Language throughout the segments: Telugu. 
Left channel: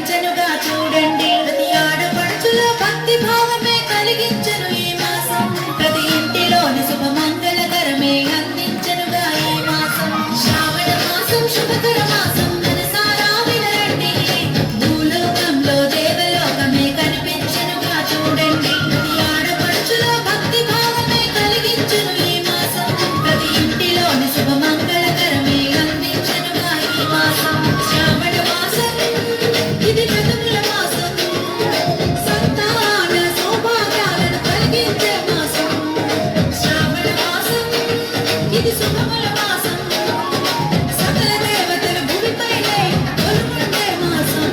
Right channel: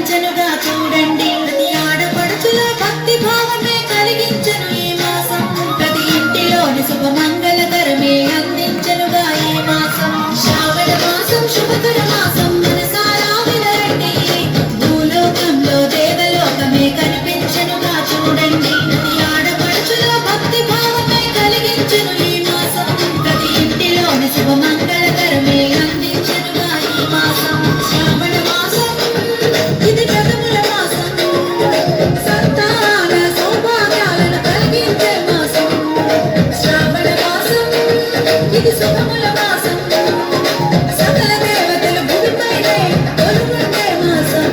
కలిగించనుగా చూడండి. ప్రతి ఆడపడుచుల భక్తి భావమే కలిగించను ఈ మాసం. ప్రతి ఇంటిలోని శుభమంగళకరమే అందించనుగా ఈ మాసం. శ్రావణ మాసం శుభకర మాసం. మనసారా వినరండి, భూలోకంలో దేవలోకమే కనిపించనుగా చూడండి. ప్రతి ఆడపడుచుల భక్తి భావమే కలిగించను ఈ మాసం. ప్రతి ఇంటిలోని శుభమంగళకరమే అందించనుగా ఈ మాసం. శ్రావణ మాసం ఇది జగముల మాసం. సంతాన సౌభాగ్యాలను కలిగించే మాసం. శ్రావణ మాసం ఇది శుభముల మాసం. సకల దేవతలు భూమిపైనే కొలువుండే మాసం.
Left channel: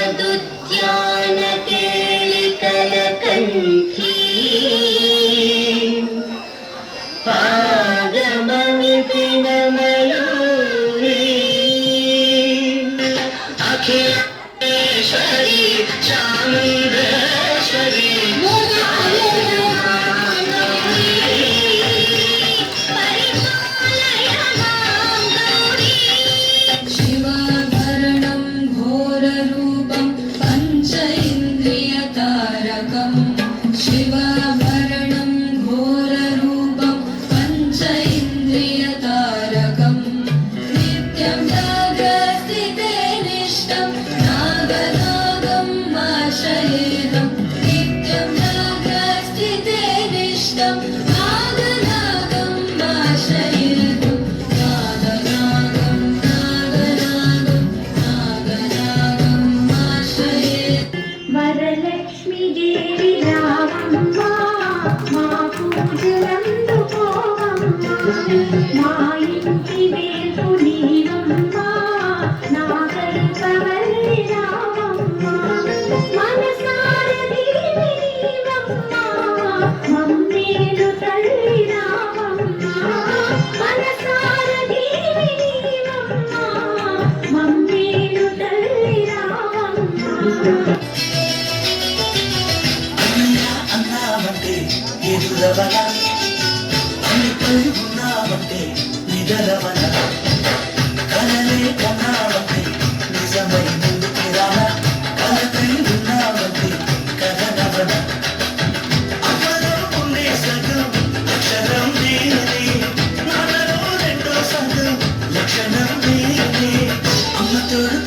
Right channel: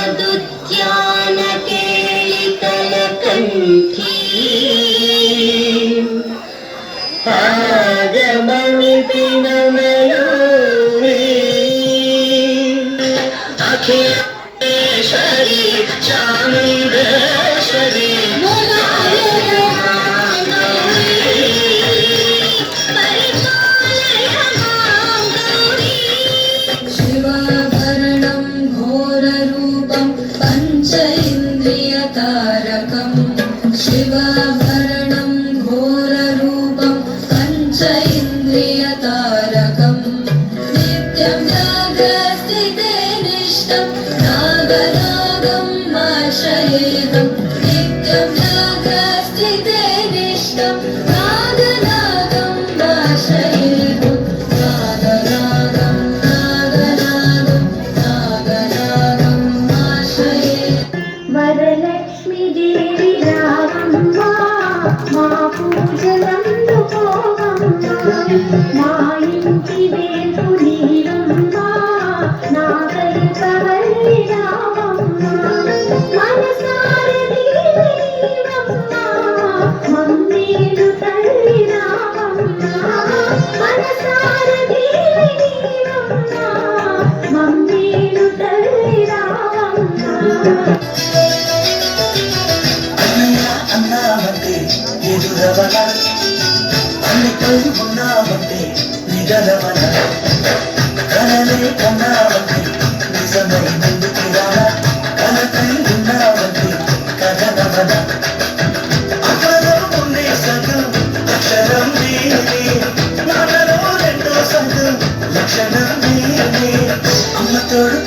उपनिषदुद्यान केलिकलकण्ठी आगमनिपिनमयूरी अखिलेश्वरी चामुण्डेश्वरी शिवाभरणं घोररूपं पंच इन्द्रियतारकम् नित्यं नागस्थिते निष्ठं नागनागम् आश्रयेऽहं नित्यं नागस्थिते निष्ठं नागनागम् आश्रयेऽहं नागनागम् नागनागम् आश्रयेऽहं वरलक्ष्मी देवी మా పూజలందుకోవమ్మా మా ఇంటి వేల్పు నీవమ్మా నా కల్పవల్లి రావమ్మా మనసార నీవమ్మా మమ్మేలు తల్లి రావమ్మా మనసార నీవమ్మా మమ్మేలు తల్లి రావమ్మా ఎదురవన అన్ని కలిగి ఉన్నావంటే నిగలవన కలలే కన్నావంటే నిజమై ముందుకు రాన కల కలిగి ఉన్నావంటే కథనవన అమ్మలో ఉండే సగం అక్షరం నేనే నాలో రెండో సగం లక్షణం నేనే అమ్మ తోడు